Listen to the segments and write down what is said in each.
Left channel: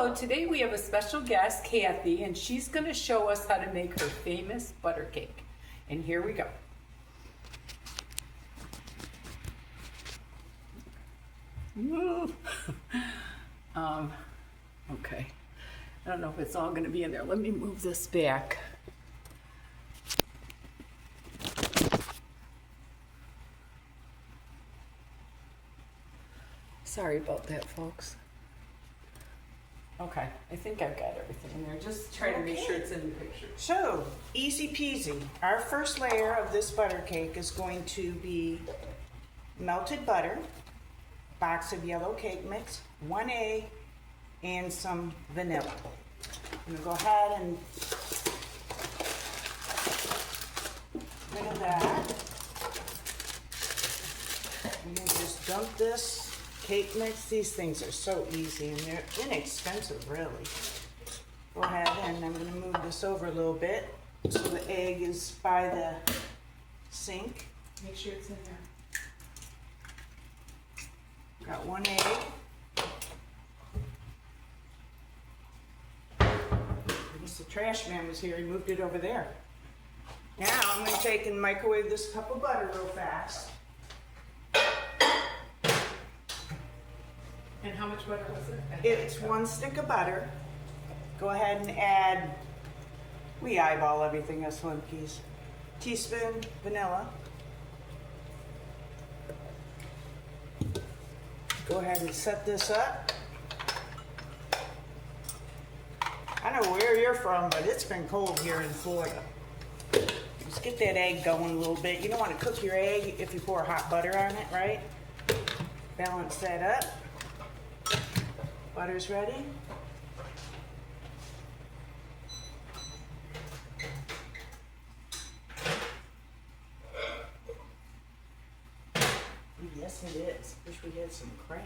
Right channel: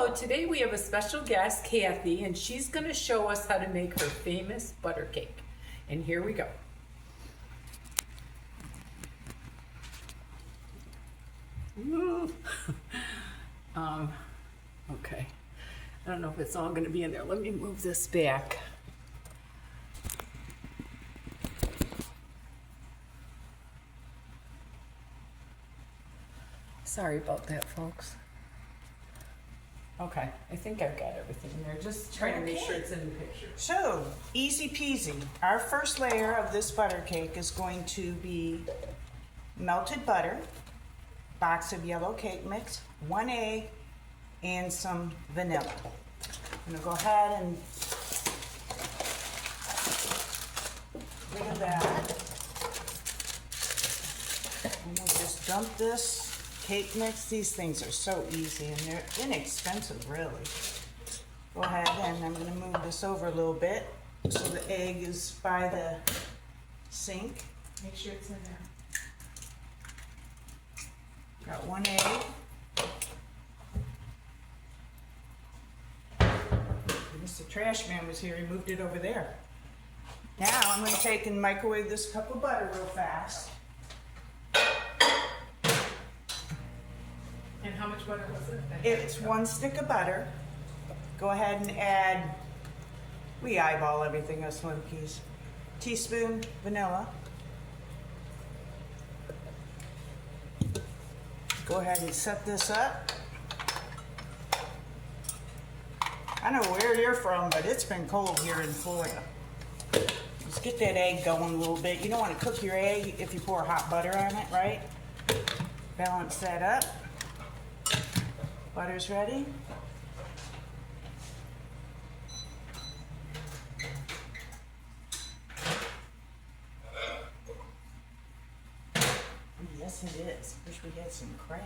Hello, today we have a special guest, Cathy, and she's going to show us how to make her famous butter cake. And here we go. Okay. I don't know if it's all going to be in there. Let me move this back. Sorry about that, folks. Okay, I think I've got everything in there. Just trying to make sure it's in the picture. So, easy peasy. Our first layer of this butter cake is going to be melted butter, box of yellow cake mix, 1 egg, and some vanilla. I'm gonna go ahead and rid of that. And we'll just dump this cake mix. These things are so easy and they're inexpensive, really. Go ahead and I'm going to move this over a little bit so the egg is by the sink. Make sure it's in there. Got 1 egg. Mr. Trash Man was here, he moved it over there. Now I'm going to take and microwave this cup of butter real fast. And how much butter was it? It's 1 stick of butter. Go ahead and add, we eyeball everything else, 1 piece. Teaspoon vanilla. Go ahead and set this up. I know where you're from, but it's been cold here in Florida. Let's get that egg going a little bit. You don't want to cook your egg if you pour hot butter on it, right? Balance that up. Butter's ready. Yes, it is. Wish we had some crab.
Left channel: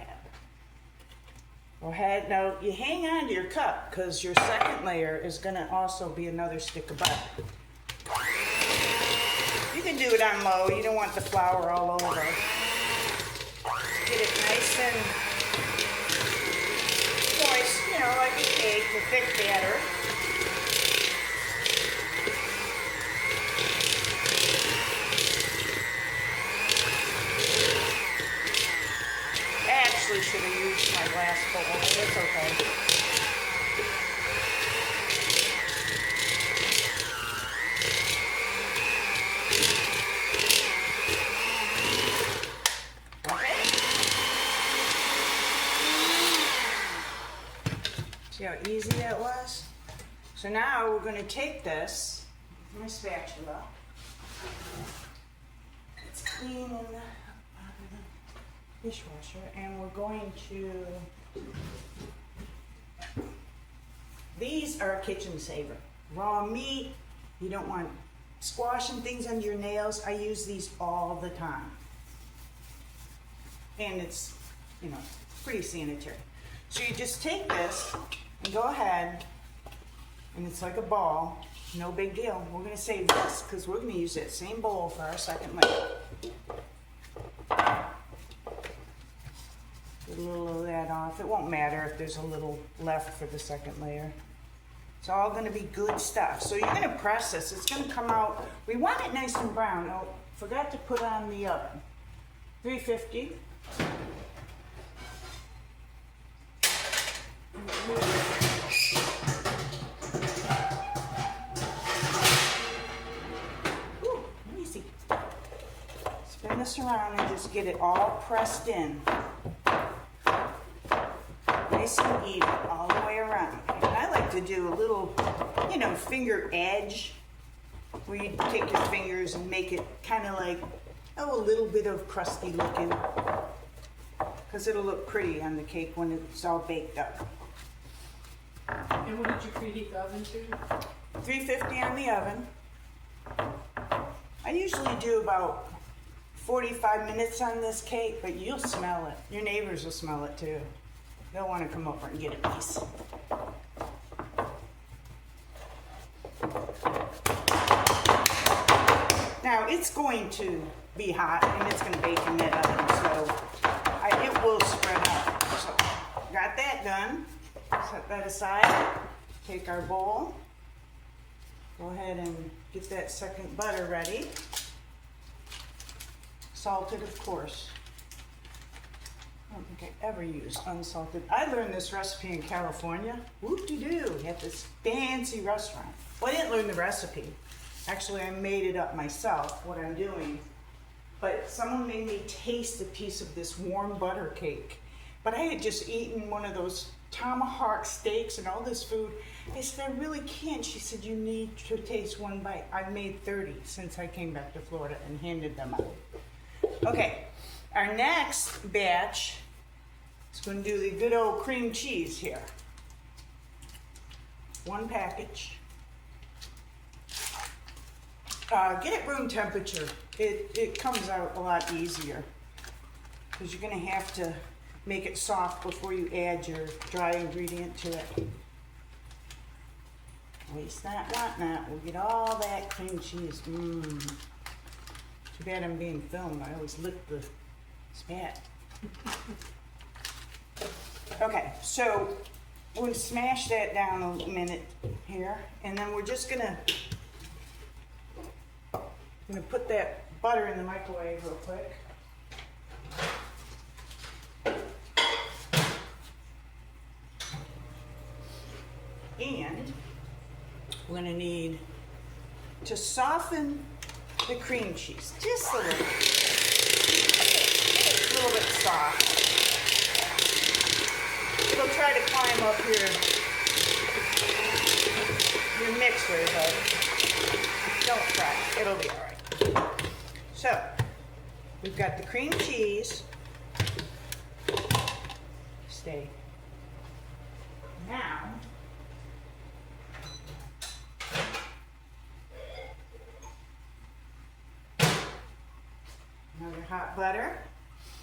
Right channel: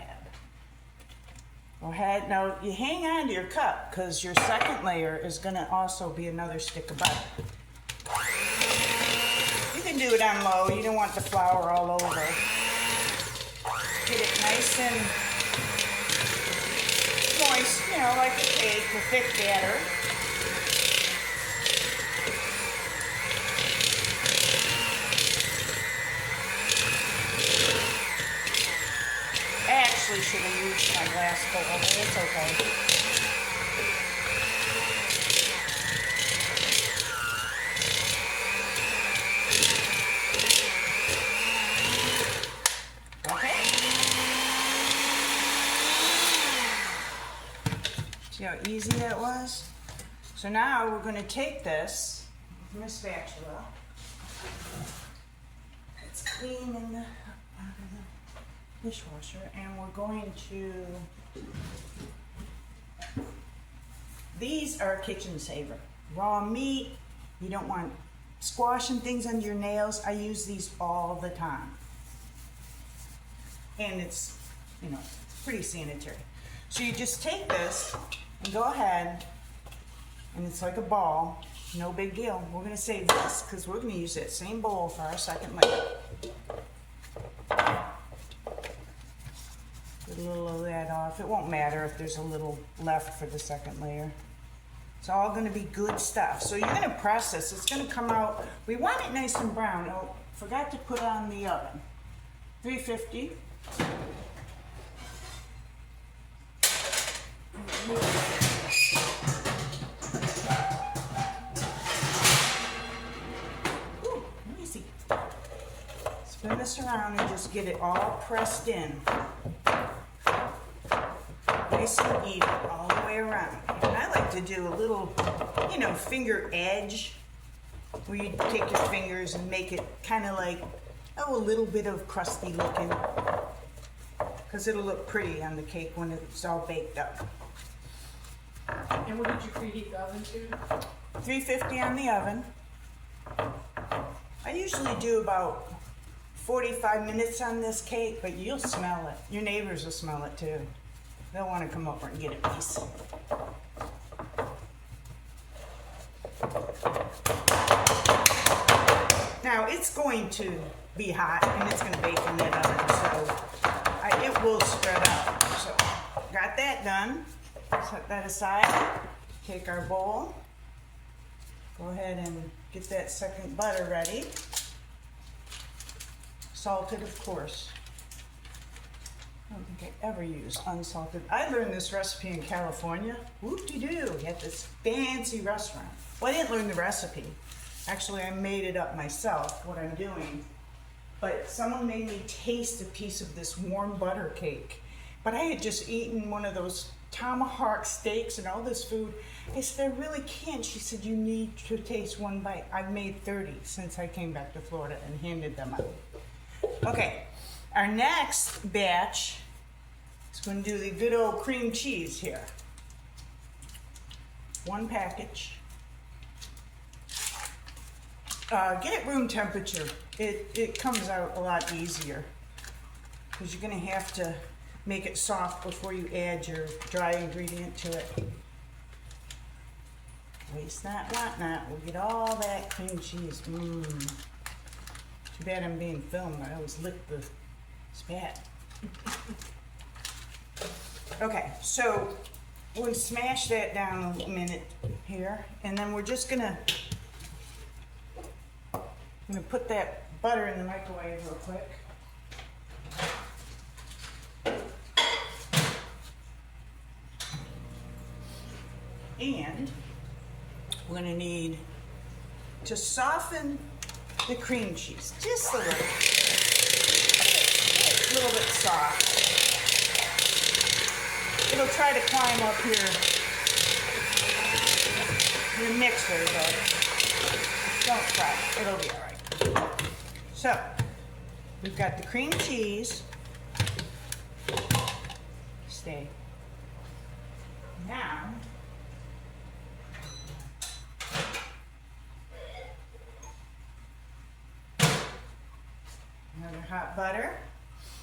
Go ahead. Now, you hang on to your cup because your second layer is going to also be another stick of butter. You can do it on low. You don't want the flour all over. Get it nice and moist, you know, like a cake, a thick batter. I actually should have used my glass bowl, but it's okay. See how easy that was? So now we're going to take this with my spatula. It's clean in the dishwasher, and we're going to, these are a kitchen saver. Raw meat, you don't want squashing things under your nails. I use these all the time. And it's, you know, pretty sanitary. So you just take this and go ahead, and it's like a ball, no big deal. We're gonna save this because we're gonna use that same bowl for our second layer. Get a little of that off. It won't matter if there's a little left for the second layer. It's all gonna be good stuff. So you're gonna press this. It's gonna come out, we want it nice and brown. Oh, forgot to put it on the oven. 350. Ooh, easy. Spread this around and just get it all pressed in. Nice and even all the way around. And I like to do a little, you know, finger edge where you take your fingers and make it kind of like, oh, a little bit of crusty looking. Because it'll look pretty on the cake when it's all baked up. And what did you preheat the oven to? 350 on the oven. I usually do about 45 minutes on this cake, but you'll smell it. Your neighbors will smell it too. They'll want to come over and get a piece. Now it's going to be hot and it's going to bake in that oven, so it will spread out. So got that done. Set that aside. Take our bowl. Go ahead and get that second butter ready. Salted, of course. I don't think I ever use unsalted. I learned this recipe in California. Whoop-de-doo, at this fancy restaurant. Well, I didn't learn the recipe. Actually, I made it up myself, what I'm doing. But someone made me taste a piece of this warm butter cake. But I had just eaten one of those tomahawk steaks and all this food. I said, I really can't. She said, you need to taste one bite. I've made 30 since I came back to Florida and handed them out. Okay, our next batch is going to do the good old cream cheese here. One package. Get it room temperature. It comes out a lot easier because you're going to have to make it soft before you add your dry ingredient to it. Waste not, want not. We'll get all that cream cheese. Too bad I'm being filmed. I always lick the spat. Okay, so we'll smash that down a minute here, and then we're just gonna put that butter in the microwave real quick. And we're going to need to soften the cream cheese just a little. Get it a little bit soft. It'll try to climb up your mixer, but don't fret. It'll be all right. So we've got the cream cheese. Stay. Now, your hot butter.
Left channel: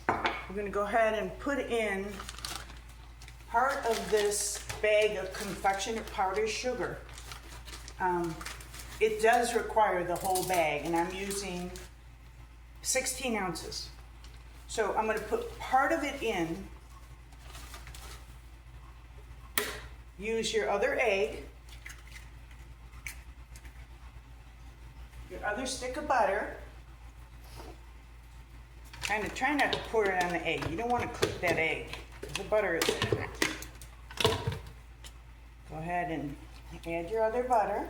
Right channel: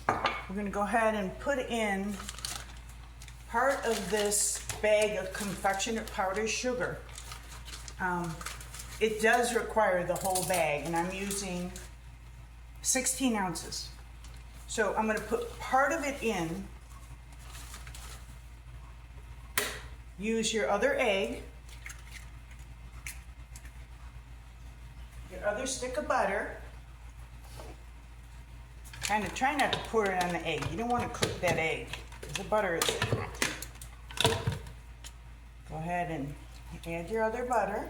We're going to go ahead and put in part of this bag of confectioner powdered sugar. It does require the whole bag, and I'm using 16 ounces. So I'm going to put part of it in. Use your other egg, your other stick of butter. Kind of try not to pour it on the egg. You don't want to cook that egg because the butter is in it. Go ahead and add your other butter.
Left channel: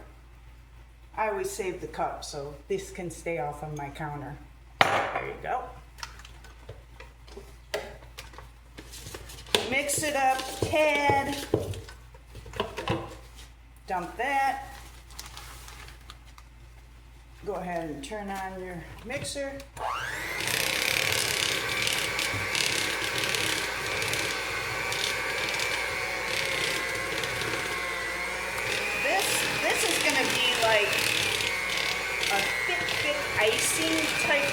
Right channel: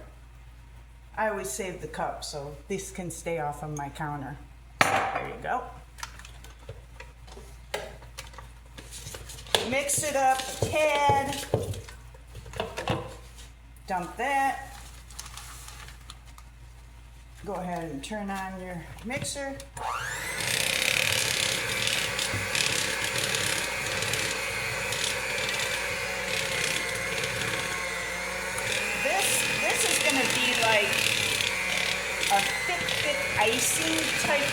I always save the cup so this can stay off of my counter. There you go. Mix it up a tad. Dump that. Go ahead and turn on your mixer. This is going to be like a thick icing type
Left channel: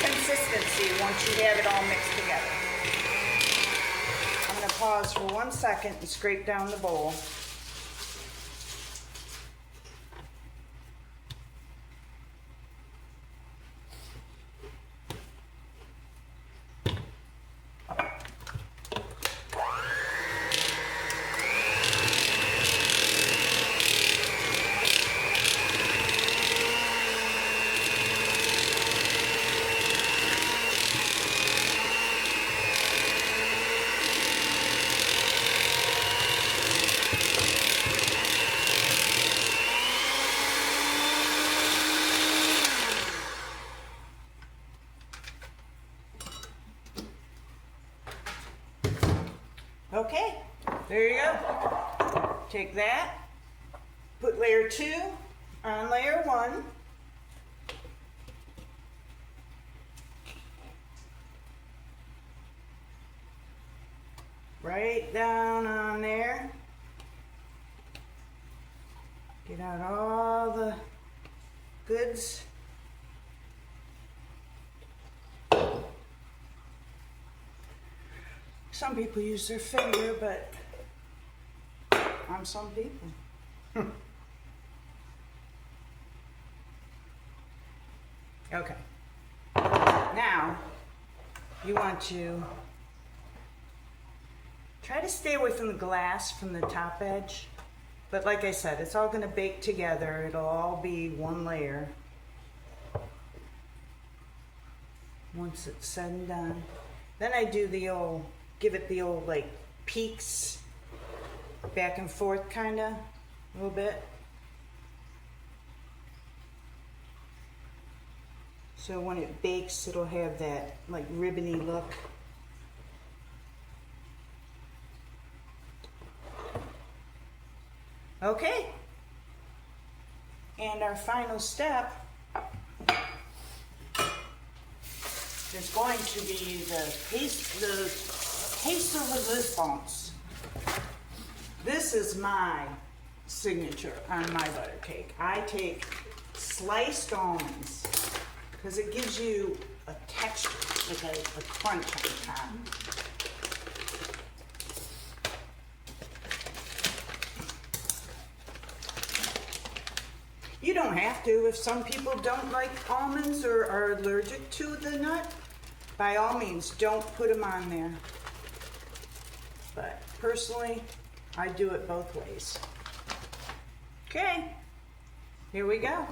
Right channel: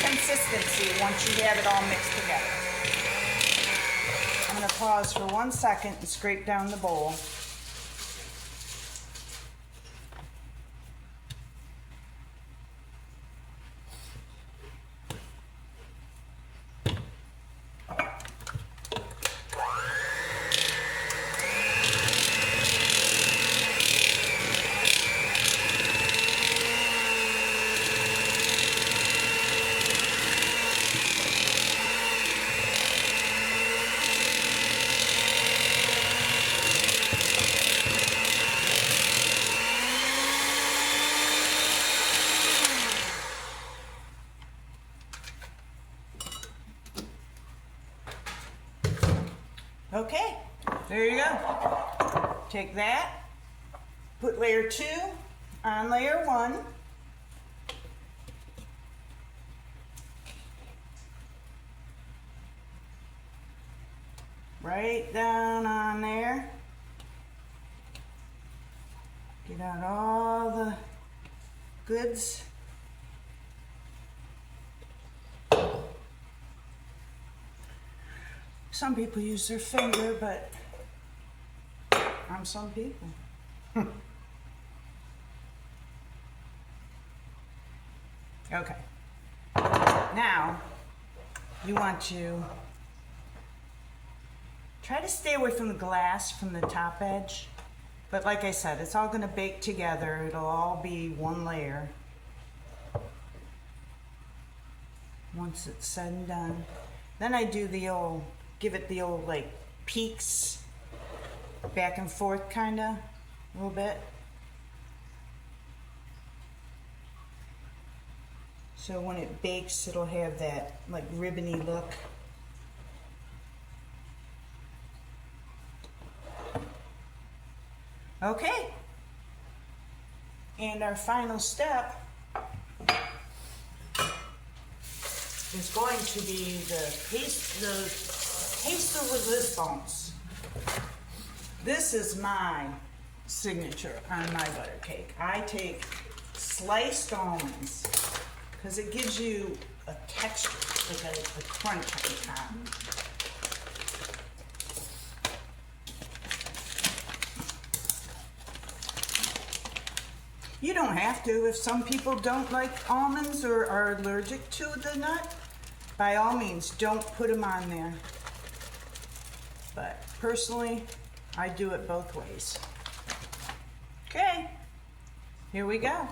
consistency once you have it all mixed together. I'm going to pause for 1 second and scrape down the bowl. Okay, there you go. Take that, put layer 2 on layer 1. Right down on there. Get out all the goods. Some people use their finger, but I'm some people. Okay. Now, you want to Try to stay away from the glass from the top edge. But like I said, it's all going to bake together. It'll all be one layer. Once it's said and done. Then I do the old, give it the old like peaks, back and forth kinda, a little bit. So when it bakes, it'll have that like ribbony look. Okay. And our final step is going to be the taster resistance. This is my signature on my butter cake. I take sliced almonds because it gives you a texture, like a crunch on the top. You don't have to. If some people don't like almonds or are allergic to the nut, by all means, don't put them on there. But personally, I do it both ways. Okay, here we go.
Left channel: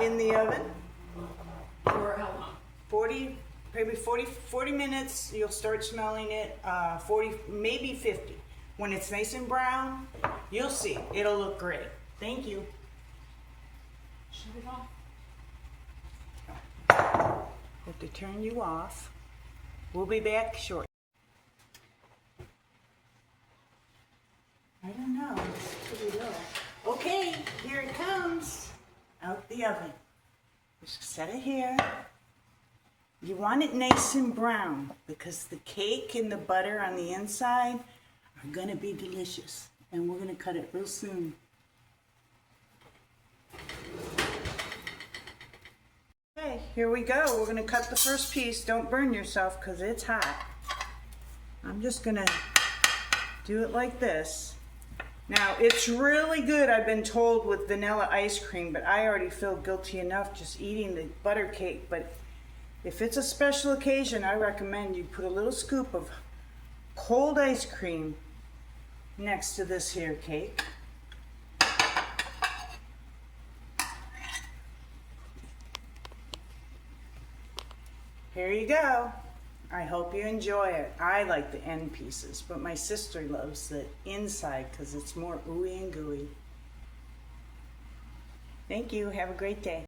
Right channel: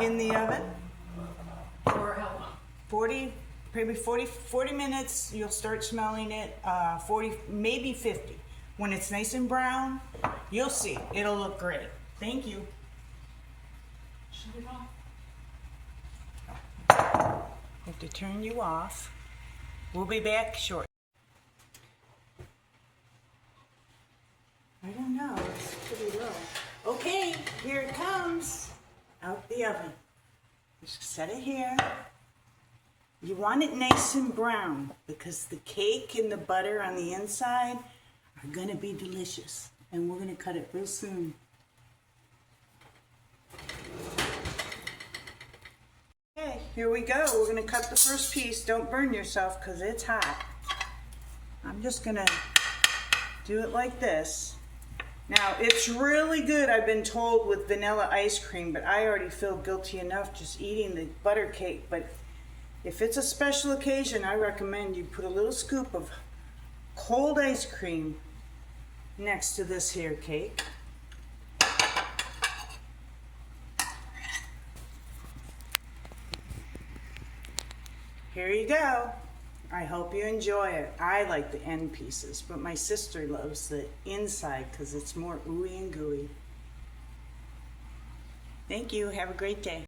In the oven. For how long? 40 minutes, you'll start smelling it. 40, maybe 50. When it's nice and brown, you'll see. It'll look great. Thank you. Shut it off. I have to turn you off. We'll be back shortly. I don't know, it's pretty low. Okay, here it comes. Out the oven. Just set it here. You want it nice and brown because the cake and the butter on the inside are gonna be delicious. And we're gonna cut it real soon. Okay, here we go. We're gonna cut the first piece. Don't burn yourself because it's hot. I'm just gonna do it like this. Now, it's really good, I've been told, with vanilla ice cream, but I already feel guilty enough just eating the butter cake. But if it's a special occasion, I recommend you put a little scoop of cold ice cream next to this here cake. Here you go. I hope you enjoy it. I like the end pieces, but my sister loves the inside because it's more ooey and gooey. Thank you. Have a great day.